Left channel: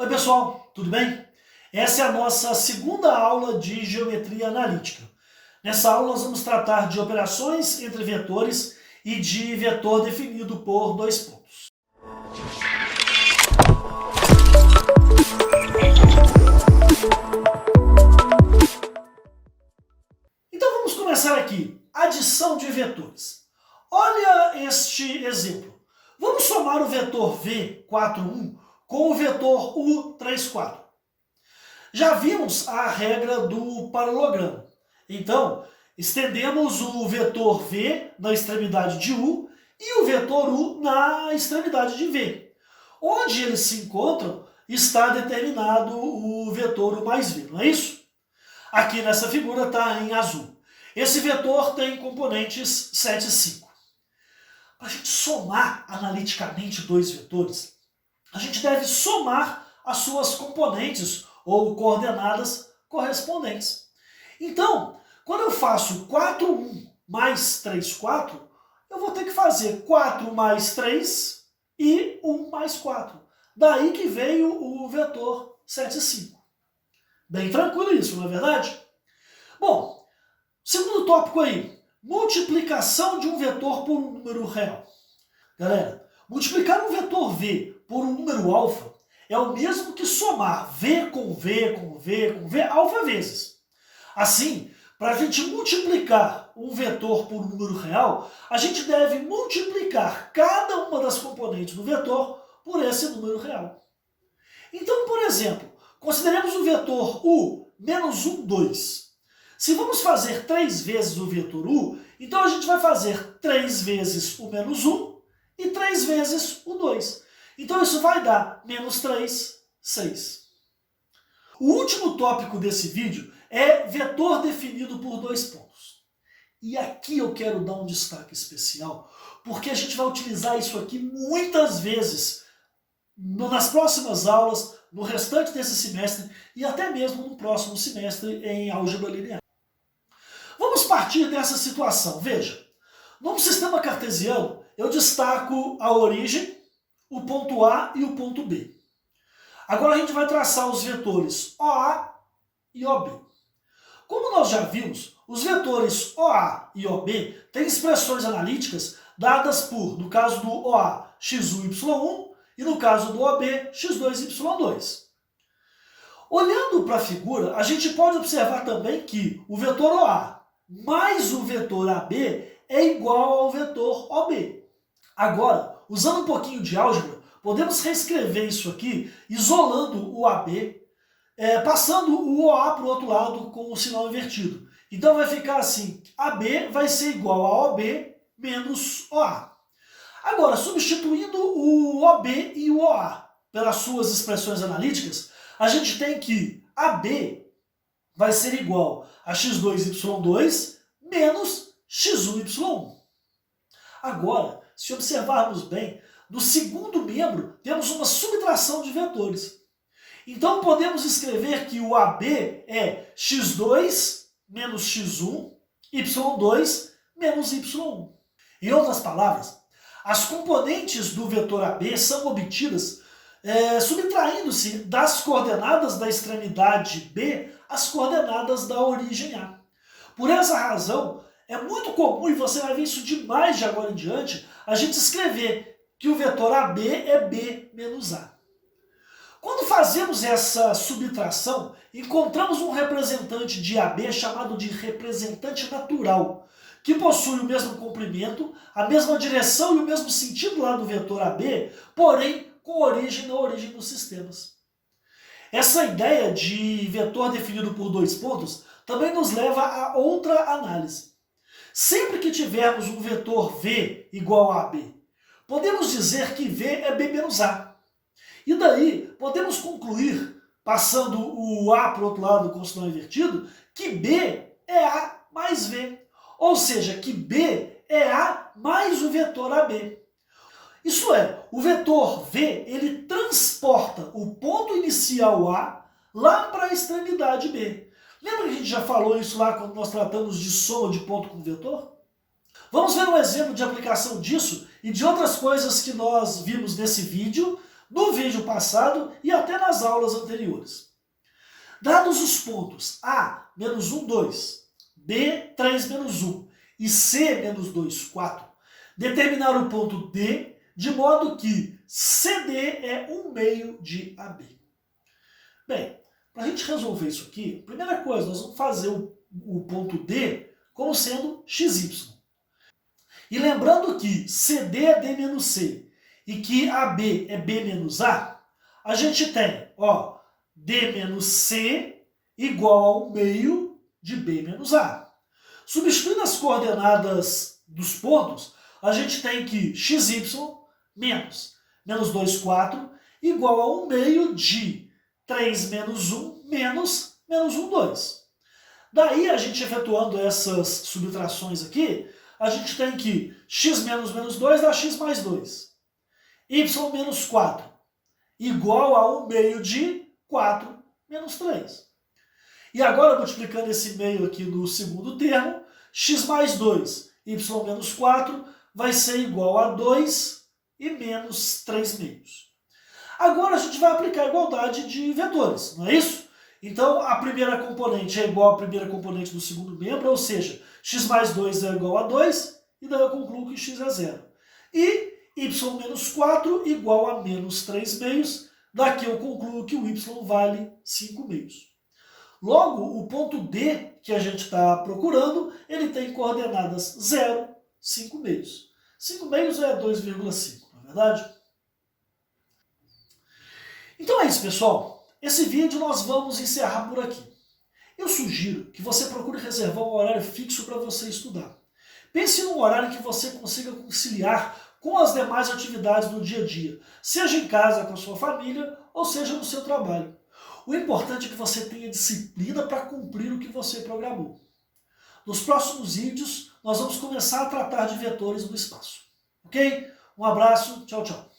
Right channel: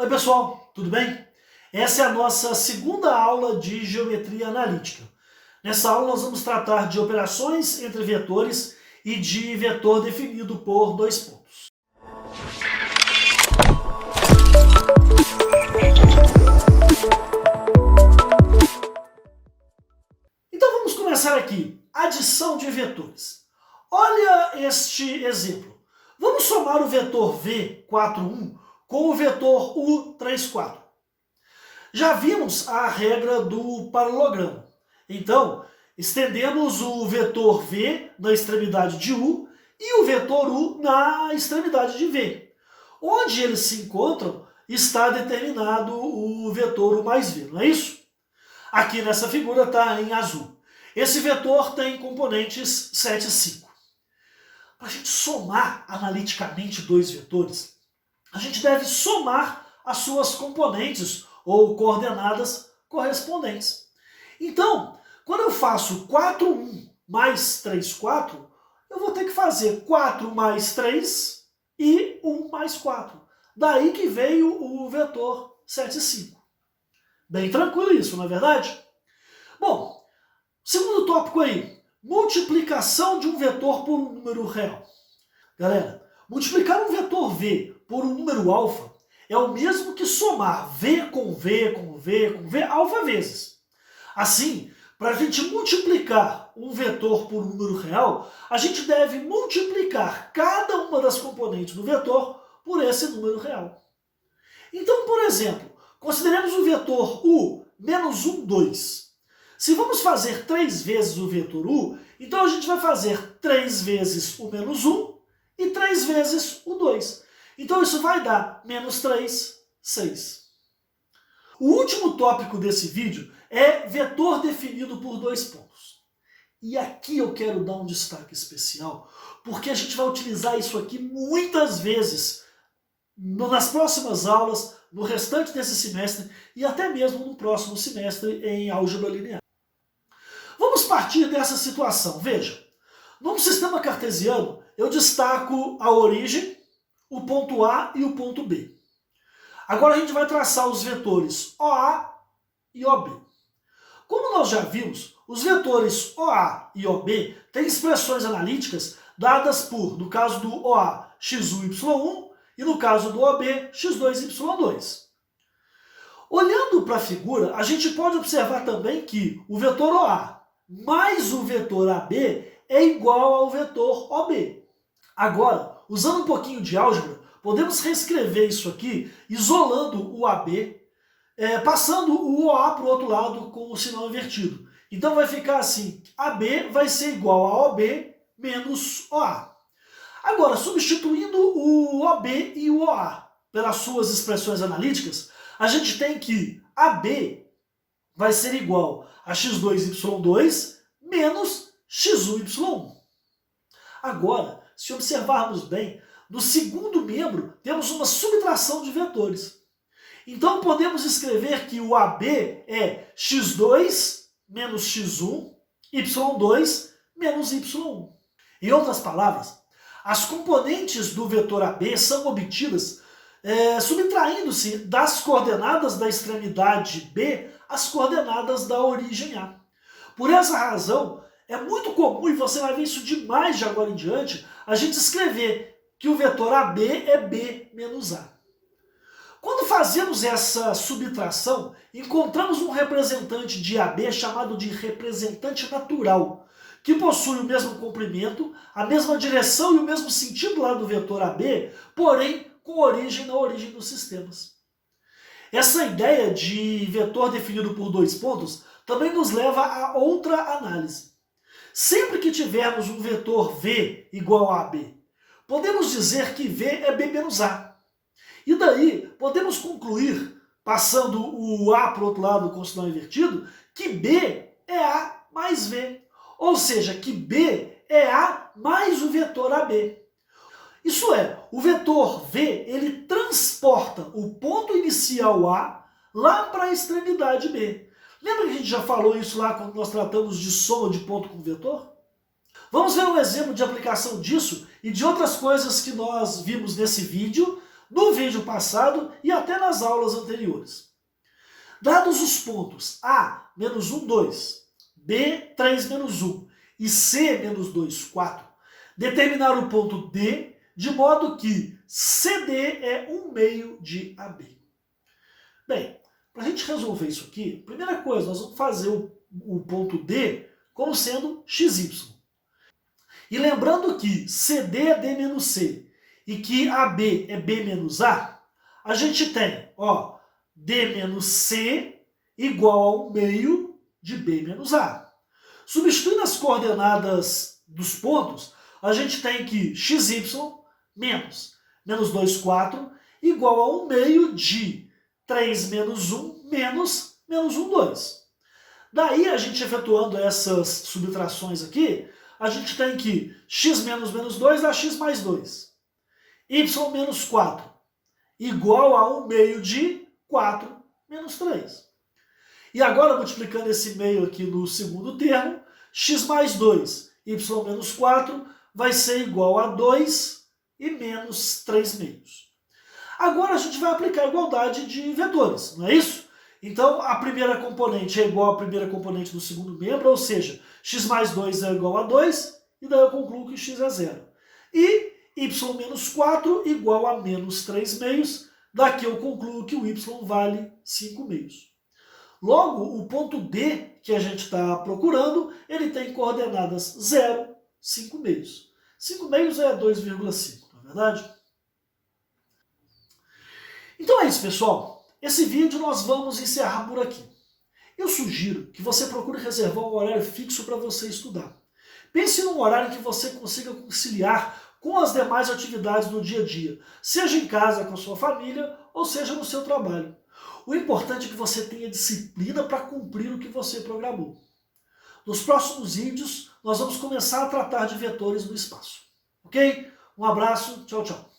Oi pessoal, tudo bem? Essa é a nossa segunda aula de geometria analítica. Nessa aula nós vamos tratar de operações entre vetores e de vetor definido por dois pontos. Então vamos começar aqui. Adição de vetores. Olha este exemplo. Vamos somar o vetor V, 4, 1, com o vetor U, 3, 4. Já vimos a regra do paralelogramo. Então, estendemos o vetor V na extremidade de U e o vetor U na extremidade de V. Onde eles se encontram, está determinado o vetor U mais V, não é isso? Aqui nessa figura está em azul. Esse vetor tem componentes 7 e 5. Para a gente somar analiticamente dois vetores, a gente deve somar as suas componentes ou coordenadas correspondentes. Então, quando eu faço 4, 1 mais 3, 4, eu vou ter que fazer 4 mais 3 e 1 mais 4. Daí que veio o vetor 7 e 5. Bem tranquilo isso, não é verdade? Bom, segundo tópico aí, multiplicação de um vetor por um número real. Galera, multiplicar um vetor V por um número alfa é o mesmo que somar V com V com V com V alfa vezes. Assim, para a gente multiplicar um vetor por um número real, a gente deve multiplicar cada uma das componentes do vetor por esse número real. Então, por exemplo, consideremos o vetor U menos 1, 2. Se vamos fazer 3 vezes o vetor U, então a gente vai fazer 3 vezes o menos 1 e 3 vezes o 2. Então isso vai dar menos 3, 6. O último tópico desse vídeo é vetor definido por dois pontos. E aqui eu quero dar um destaque especial, porque a gente vai utilizar isso aqui muitas vezes nas próximas aulas, no restante desse semestre e até mesmo no próximo semestre em álgebra linear. Vamos partir dessa situação. Veja, num sistema cartesiano, eu destaco a origem, o ponto A e o ponto B. Agora a gente vai traçar os vetores OA e OB. Como nós já vimos, os vetores OA e OB têm expressões analíticas dadas por, no caso do OA, x1, y1 e no caso do OB, x2, y2. Olhando para a figura, a gente pode observar também que o vetor OA mais o vetor AB é igual ao vetor OB. Agora, usando um pouquinho de álgebra, podemos reescrever isso aqui, isolando o AB, passando o OA para o outro lado com o sinal invertido. Então vai ficar assim, AB vai ser igual a OB menos OA. Agora, substituindo o OB e o OA pelas suas expressões analíticas, a gente tem que AB vai ser igual a x2y2 menos x1y1. Agora, se observarmos bem, no segundo membro temos uma subtração de vetores. Então podemos escrever que o AB é x2 menos x1, y2 menos y1. Em outras palavras, as componentes do vetor AB são obtidas subtraindo-se das coordenadas da extremidade B às coordenadas da origem A. Por essa razão, é muito comum, e você vai ver isso demais de agora em diante, a gente escrever que o vetor AB é B menos A. Quando fazemos essa subtração, encontramos um representante de AB chamado de representante natural, que possui o mesmo comprimento, a mesma direção e o mesmo sentido lá do vetor AB, porém com origem na origem dos sistemas. Essa ideia de vetor definido por dois pontos também nos leva a outra análise. Sempre que tivermos um vetor V igual a AB, podemos dizer que V é B menos A. E daí podemos concluir, passando o A para o outro lado com o sinal invertido, que B é A mais V. Ou seja, que B é A mais o vetor AB. Isso é, o vetor V ele transporta o ponto inicial A lá para a extremidade B. Lembra que a gente já falou isso lá quando nós tratamos de soma de ponto com vetor? Vamos ver um exemplo de aplicação disso e de outras coisas que nós vimos nesse vídeo no vídeo passado e até nas aulas anteriores. Dados os pontos A, menos 1, 2, B, 3, menos 1 e C, menos 2, 4, determinar o ponto D de modo que CD é 1 meio de AB. Bem, para a gente resolver isso aqui, primeira coisa, nós vamos fazer o ponto D como sendo XY. E lembrando que CD é D menos C e que AB é B menos A, a gente tem, ó, D menos C igual a 1 meio de B menos A. Substituindo as coordenadas dos pontos, a gente tem que XY menos 2, 4 igual a 1 meio de 3 menos 1 menos 1, 2. Daí, a gente efetuando essas subtrações aqui, a gente tem que x menos menos 2 dá x mais 2. Y menos 4 igual a 1 meio de 4 menos 3. E agora, multiplicando esse meio aqui no segundo termo, x mais 2, y menos 4, vai ser igual a 2 e menos 3 meios. Agora a gente vai aplicar a igualdade de vetores, não é isso? Então, a primeira componente é igual à primeira componente do segundo membro, ou seja, x mais 2 é igual a 2, e daí eu concluo que x é 0. E y menos 4 igual a menos 3 meios, daqui eu concluo que o y vale 5 meios. Logo, o ponto D que a gente está procurando, ele tem coordenadas 0, 5 meios. 5 meios é 2,5, não é verdade? Então é isso, pessoal. Esse vídeo nós vamos encerrar por aqui. Eu sugiro que você procure reservar um horário fixo para você estudar. Pense num horário que você consiga conciliar com as demais atividades do dia a dia, seja em casa com a sua família ou seja no seu trabalho. O importante é que você tenha disciplina para cumprir o que você programou. Nos próximos vídeos, nós vamos começar a tratar de vetores no espaço. Ok? Um abraço, tchau, tchau.